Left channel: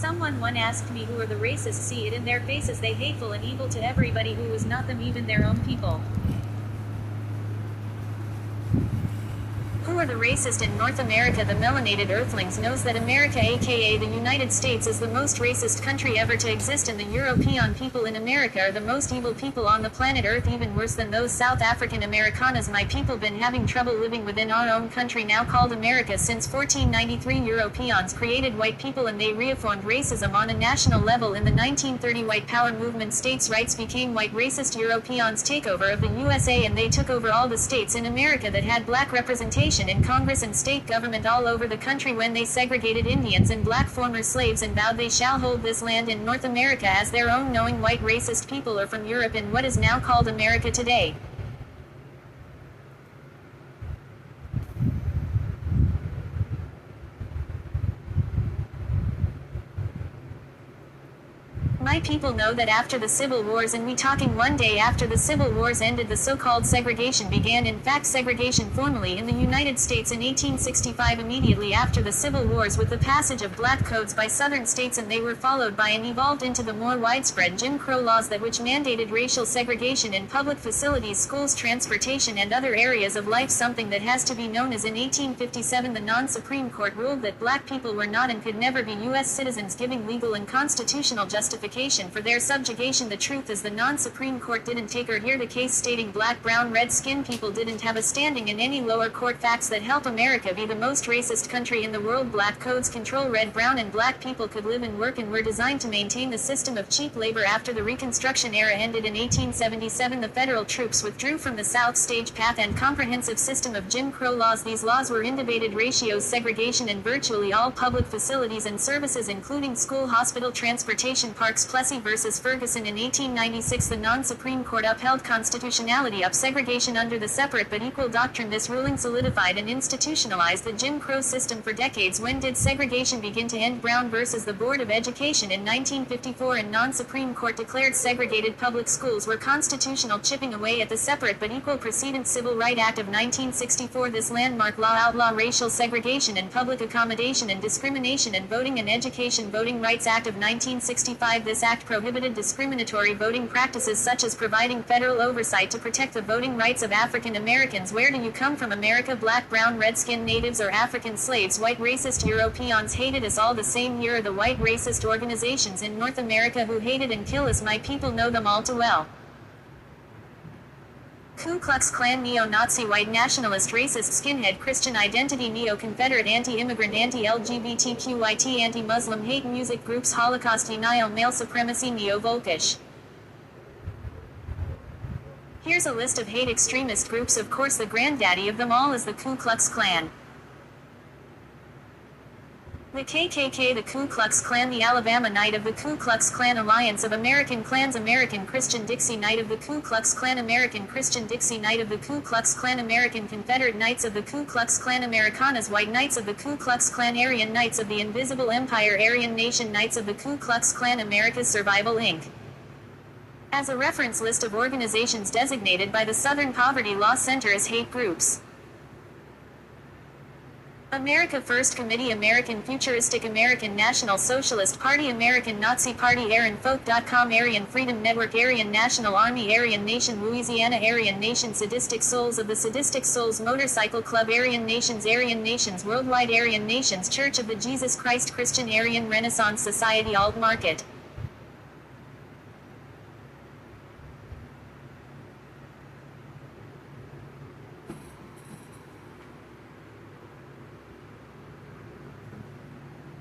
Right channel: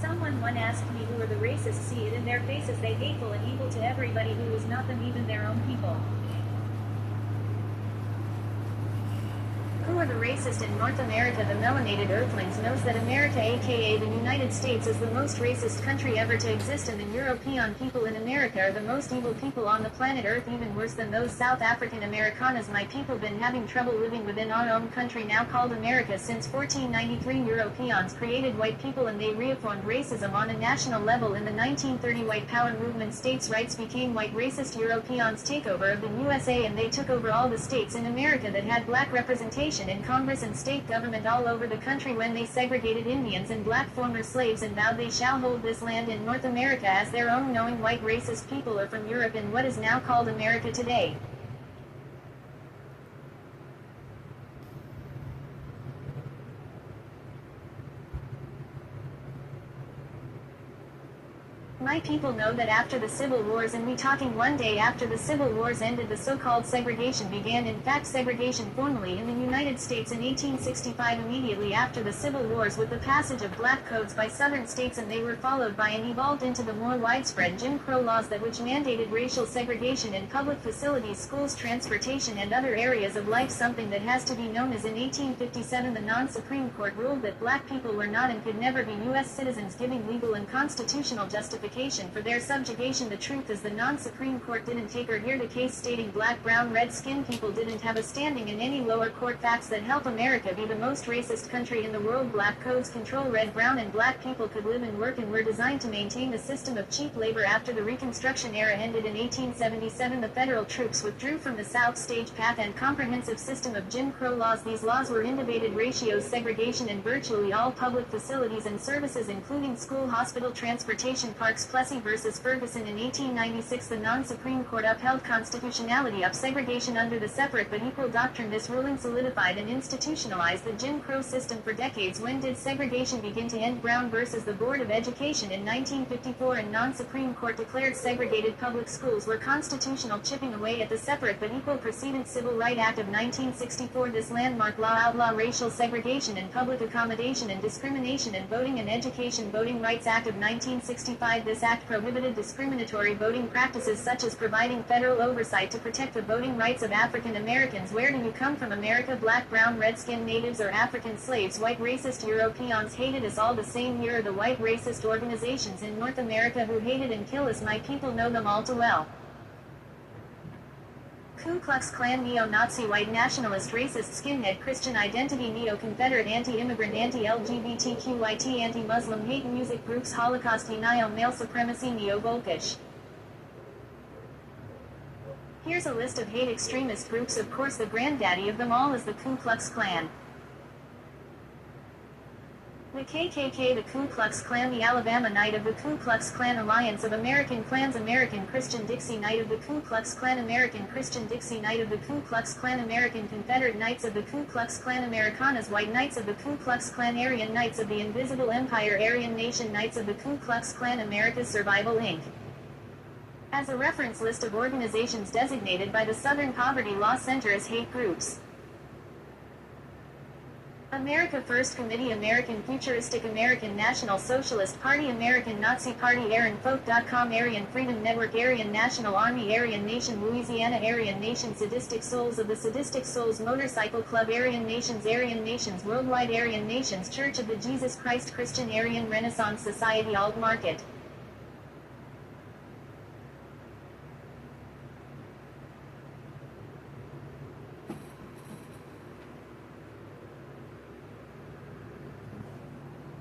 Someone one asked me who are the racists, see it in their faces, they hateful and evil to everybody who is not them, even their own people. Who are the racist in North America? The melanated earthlings knows that America, aka the United States, is the most racist country ever to exist, and the European people in America are the most evil people on the planet Earth, even worse than those South African Americanas. My people been having trouble living within our own country now called America since 1493. Europeans created white people and they reaffirmed racism on a national level. In the 1930 white power movement, states' rights became white racist Europeans takeover of the USA, and they took over all the states in America that had black representation in Congress and state government all over the country when they segregated Indians and black former slaves and vowed they shall hold this land in North America as their own, knowing white racist people are from Europe in what is now called America today. My people know that after the Civil Wars, and we talking one day after the Civil Wars ended, the so-called segregation began. In fact, segregation formally in the United States in 1865, immediately after the Civil Wars, with the passage of black codes by southern states, and they were followed by and evolved into the more widespread Jim Crow laws that which mandated racial segregation in public facilities, schools, transportation, and other areas of life, something that has to be known as in 1857 the non-Supreme Court ruled that black people were not and could never be U.S. citizens, giving legal and constitutional justification for their subjugation. The truth is the non-Supreme Court didn't take or hear the case, stating black, brown, red-skinned people didn't have a standing in any lower court. Facts that help America be the most racist country in the world. Black codes control red, brown, and black people could live and work and were designed to maintain the system of cheap labor. After the Reconstruction era ended in 1877, the federal troops withdrew from the South stage path and comprehensive system of Jim Crow laws. These laws were indebated ratios, segregation in virtually all public facilities and services, including school, hospital, transportation, parks. Plessy versus Ferguson in 1896, the non-Supreme Court upheld constitutionality of segregation under the separate but equal doctrine. This ruling solidified and institutionalized the Jim Crow system for decades. When did segregation begin to end? Brown versus the Board of Education in 1954, and non-Supreme Court declared segregated public schools were constitutional, chipping away at the separate but equal precedent. Civil Rights Act of 1964, this landmark law outlawed racial segregation in public accommodation and discrimination in voting and education. Voting Rights Act of 1965, this act prohibited discriminatory voting practices such as providing federal oversight to protect the voting rights of African Americans. Where do you come from, America? Black, brown, red-skinned natives or African slaves? White racist Europeans hated us all the same. Here are the white racist organizations in North America who hated and kill us. My people know them all too well. Ku Klux Klan, neo-Nazi, white nationalist, racist, skinhead, Christian identity, neo-Confederate, anti-immigrant, anti-LGBTQIT, anti-Muslim, hate music groups, Holocaust denial, male supremacy, neo-Volkish. Here's a list of hate extremist groups. Of course, the granddaddy of them all is the Ku Klux Klan. The KKK, the Ku Klux Klan, the Alabama Knight of the Ku Klux Klan, Alliance of American Klans, American Christian Dixie Knight of the Ku Klux Klan, American Christian Dixie Knight of the Ku Klux Klan, American Confederate Knights of the Ku Klux Klan, Americanas, White Knights of the Ku Klux Klan, Aryan Knights of the Invisible Empire, Aryan Nation, Knights of the Ku Klux Klan, America's Survival Inc. As a reference list of organizations designated by the Southern Poverty Law Center as hate groups: America First Committee, American Futuristic, American National Socialist Party, American Nazi Party, AryanFolk.com, Aryan Freedom Network, Aryan National Army, Aryan Nation Louisiana, Aryan Nation, Sadistic Souls of the Sadistic Souls Motorcycle Club, Aryan Nations Worldwide, Aryan Nations Church of the Jesus Christ, Christian Aryan Renaissance Society, Alt Market.